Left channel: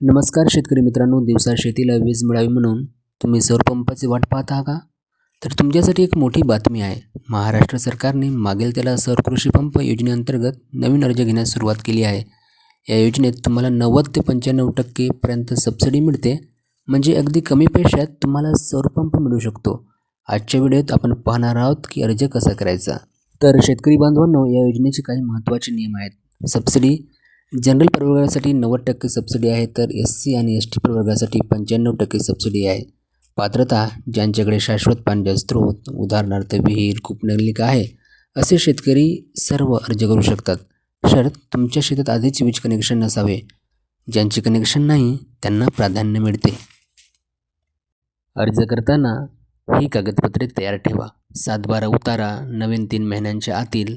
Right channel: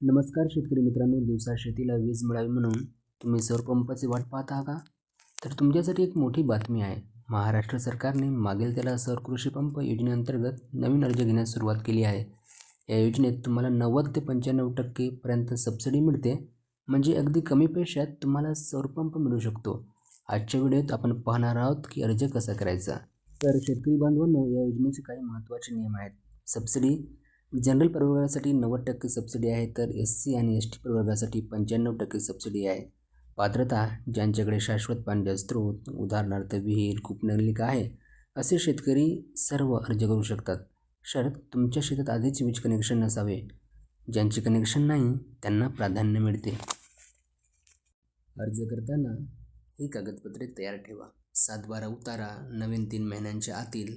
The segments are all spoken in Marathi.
नमस्कार शेतकरी मित्रांनो, दिवसा शेतीला वीज मिळावी म्हणून तुम्ही सौर पंपाची वाट पाहत आहात का? तर तुमच्यासाठी एक मोठी बातमी आहे. महाराष्ट्र सरकारने मागेल त्याला सौर कृषी पंप योजनेअंतर्गत नवीन अर्ज घेण्यास सुरुवात केली आहे. या योजनेत तुम्हाला 90 ते 95% पर्यंत सबसिडी मिळते. म्हणजे अगदी कमी पैशात तुम्हाला सौर पंप मिळू शकतो. आजच्या व्हिडिओत आपण पाहणार आहोत की अर्ज कसा करायचा. तर शेतकरी बांधवांनो, या योजनेचे काही महत्त्वाचे नियम आहेत. सबसिडी जनरल प्रवर्गासाठी 90% सबसिडी आहे, तर SC आणि ST प्रवर्गासाठी 95% सबसिडी आहे. पात्रता: ज्यांच्याकडे शाश्वत पाण्याचे स्रोत, उदाहरणार्थ विहीर, कूपनलिका आहे, असे शेतकरी सर्व अर्ज करू शकतात. शर्त: तुमच्या शेतात आधीच वीज कनेक्शन नसावे. ज्यांचे कनेक्शन नाही त्यांना प्राधान्य मिळते. अर्ज करताना ही कागदपत्रे तयार ठेवा. 7/12 उतारा, नवीन 3 महिन्यांच्या आतील,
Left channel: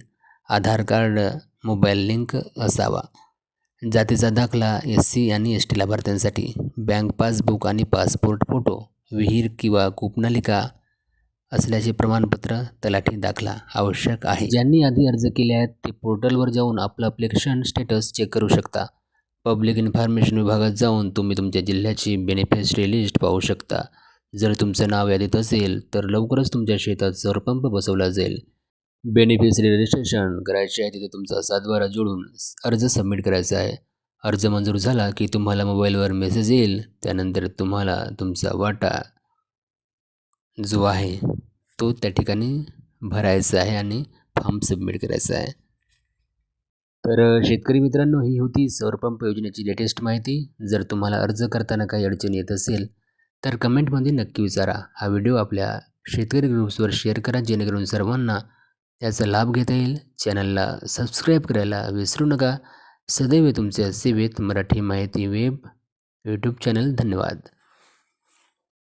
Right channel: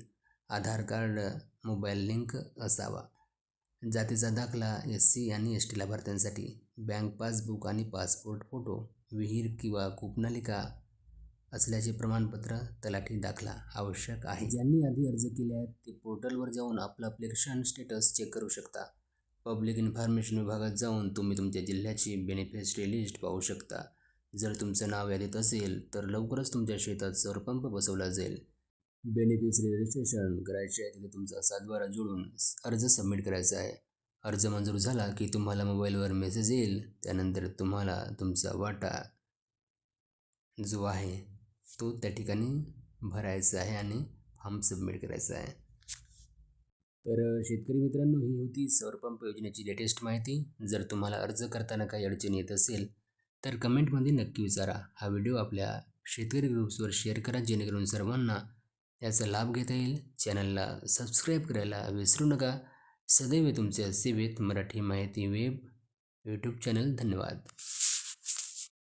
आधार कार्ड, मोबाईल लिंक असावा. जातीचा दाखला SC आणि ST लाभार्थ्यांसाठी, बँक पासबुक आणि पासपोर्ट फोटो, विहीर किंवा कूपनलिका असल्याचे प्रमाणपत्र, तलाठी दाखला आवश्यक आहे. ज्यांनी आधी अर्ज केले आहेत ते पोर्टलवर जाऊन आपलं ॲप्लिकेशन स्टेटस चेक करू शकता. पब्लिक इन्फॉर्मेशन विभागात जाऊन तुम्ही तुमच्या जिल्ह्याची बेनिफिशरी लिस्ट पाहू शकता. जर तुमचं नाव यादीत असेल तर लवकरच तुमच्या शेतात सौर पंप बसवला जाईल. बेनिफिशरी रजिस्ट्रेशन करायचे आहे तिथे तुमचा 7/12 जोडून अर्ज सबमिट करायचा आहे. अर्ज मंजूर झाला की तुम्हाला मोबाईलवर मेसेज येईल. त्यानंतर तुम्हाला तुमचा वाटा जो आहे तो त्या ठिकाणी भरायचा आहे आणि फॉर्म सबमिट करायचा आहे. तर शेतकरी मित्रांनो, ही होती सौर पंप योजनेची लेटेस्ट माहिती. जर तुम्हाला अर्ज करताना काही अडचण येत असेल तर कमेंटमध्ये नक्की विचारा. हा व्हिडिओ आपल्या शेतकरी ग्रुप्सवर शेअर करा, जेणेकरून सर्वांना त्याचा लाभ घेता येईल. चॅनलला सबस्क्राईब करायला विसरू नका. सदैव तुमच्या सेवेत मराठी माहिती वेब यूट्यूब चॅनल. धन्यवाद.